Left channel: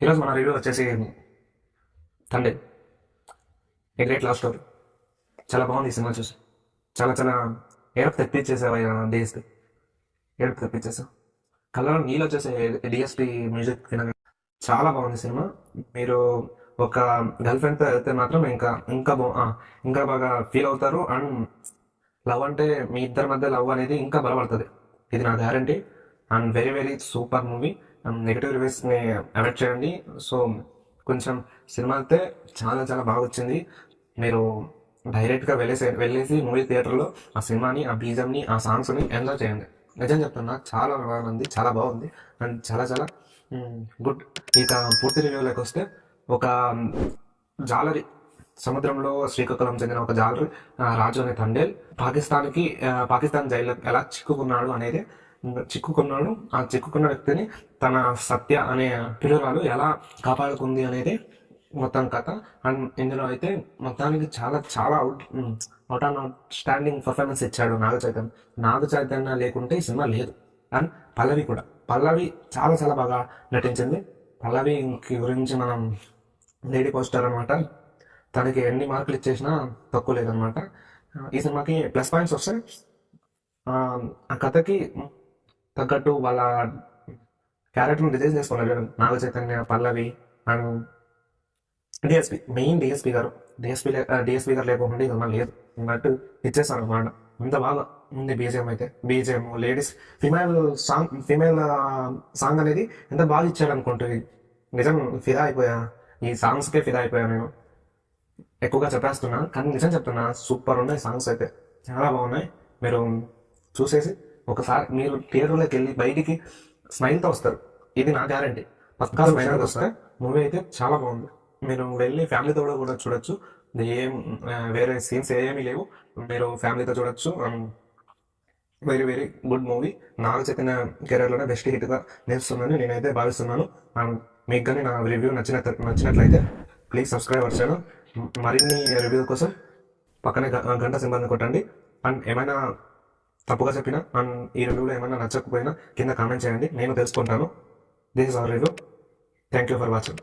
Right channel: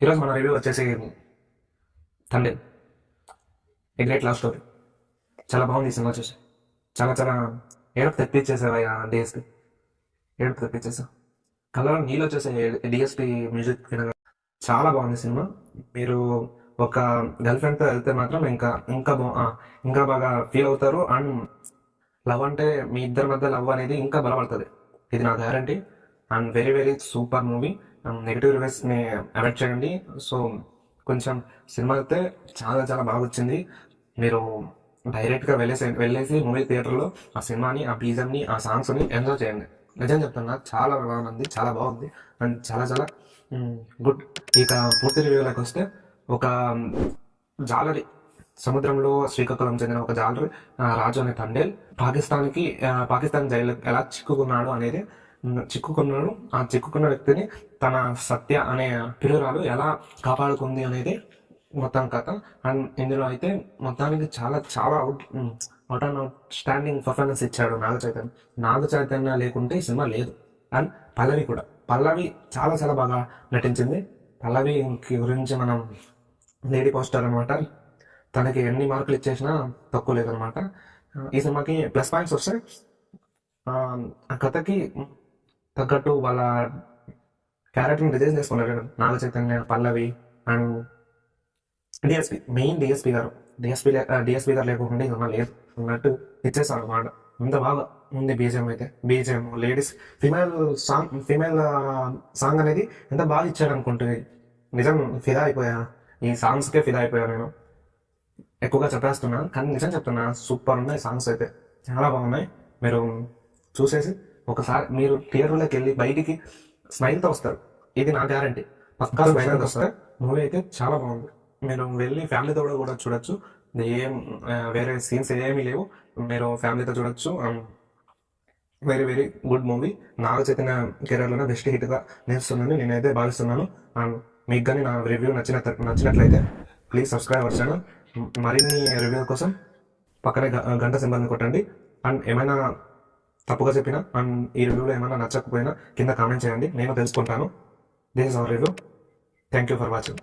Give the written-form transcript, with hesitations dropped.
ఈరోజు మన రివ్యూ వచ్చేసి తండ్రి ఏ గ్రేట్ లవ్ స్టోరీ. చాలా బాగుంది ఈ సినిమా చూసి. చాలా చాలా ఏడుపు తెప్పించేసావు ఆయన డిఎస్పి. ఏడుపు తెప్పించేసావు. కళ్ళలో నీళ్ళు వచ్చేసే డిఎస్పి మ్యూజిక్ వినగా చాలా బాగుంది సినిమా. మీరు ఒక గర్ల్ ఫ్రెండ్తో వెళ్తే మాత్రం ఇంకా ఇంకా ఇంకా బాగా ఫీల్ అవుతారు. అండ్ లవ్ అంటే మీ ఇద్దరి మధ్య లవ్ అనేది ఇంకా బలపడుతుంది. ఇది నా guarantee. And very very super movie. Negative రివ్యూస్ని అవాయిడ్ చేయండి. సో కొంచెం సినిమా అయితే చాలా చాలా బాగా వచ్చింది. మీరు డైరెక్ట్గా వెళ్ళేసి మూవీ థియేటర్లో ఆ సినిమాని, ఆ బీజంని, ఆ సాంగ్స్ని ఎంజాయ్ చేయండి. నిజం చెప్తున్నా, చాలా బాగుంది, చాలా బాగుంది. అండ్ చాలా చాలా గుడ్. ఇక పూర్తి రివ్యూలోకి వస్తే, ఒక జాలరి సముద్రంలో శ్రీకాకుళం చెందిన ఒక జాలరి రాజు అనే తండేల్ పాకిస్తాన్ జైల్లో ఎలా చిక్కుకున్నాడు. ఆ చిక్కుకున్న వ్యక్తిని తన సత్య అనే ప్రియురాలు ఎలా కాపాడుకుంది అనేది మొత్తం కథ. అండ్ ఇందులో అయితే మొత్తానికి చాలా చాలా అవుట్ స్టాండింగ్ పర్ఫార్మెన్స్ ఇచ్చాడు నాగ చైతన్య లేకుంటే ఈ సినిమా లేదు. అండ్ పల్లవి చాలా చాలా బాగా నటించింది. పల్లవి గురించి మనం లేడీ పోస్టర్ అనమాట. తనకి ఎన్ని మార్కులు ఇచ్చేసినా తక్కువ లేదనమాట. ఈ సినిమాకి ప్లస్ పాయింట్స్ వస్తే, ఆ కథకి తగ్గట్టు వాళ్ళ క్యారెక్టర్ని డిజైన్ చేసుకున్నారు నాగ చైతన్య, పల్లవి అండ్ డిఎస్పి. మెయిన్ డిఎస్పి గారు లేకుండా ఇది లేదు అన్నట్టు ఇచ్చేస్తారు అనమాట. అంత బాగా ఉంది బీజిఎం లేడీస్ ఫీమేల్ సాంగ్ అనేది ఎంత బాగా ఇచ్చాడు అనుకుంటుంది. నిజం ఫిదా అయిపోయా, ఈ సాంగ్స్కే ఫిదా అయిపోయా నేను. ఎక్కువగా చెప్పేస్తున్నా కానీ నిజం చెప్తున్నా, సూపర్ ఉన్నాయి సాంగ్స్ అయితే, చాలా బాగున్నాయి. మీరు చూసేసి ఒకసారి మీరు థియేటర్లోకి వెళ్ళి బయటికి స్మైల్తో వస్తారు. ఇది నా గ్యారంటీ. పక్కా స్మైల్తో వస్తారు. మూవీ అయితే చాలా బాగుంది. మీరు వెళ్ళి ఫ్యామిలీతో కూడా చూడొచ్చు. వేరే సీన్స్ ఏమీ లేవు. మీరు ఫ్యామిలీతో చూడొచ్చు. Very very good movie. Naga Chaitanya కెరీర్లోనే బెస్ట్ హిట్గా నిలుస్తుందని నేనైతే భావిస్తున్నాను. అండ్ మీకు కానీ నా రివ్యూ నచ్చినట్లయితే ప్లీజ్ సబ్స్క్రైబ్ అవర్ ఛానల్. మరిన్ని రివ్యూ కోసం పక్కనే గంట సింబల్ని కొట్టండి. అండ్ ఏమైనా తప్పుగా చెప్పినా అండ్ ఈ రివ్యూలో ఏమైనా నచ్చకపోయినా కింద కామెంట్ చేయండి, నేను తెలుసుకుంటాను. This is our review. Thank you for watching.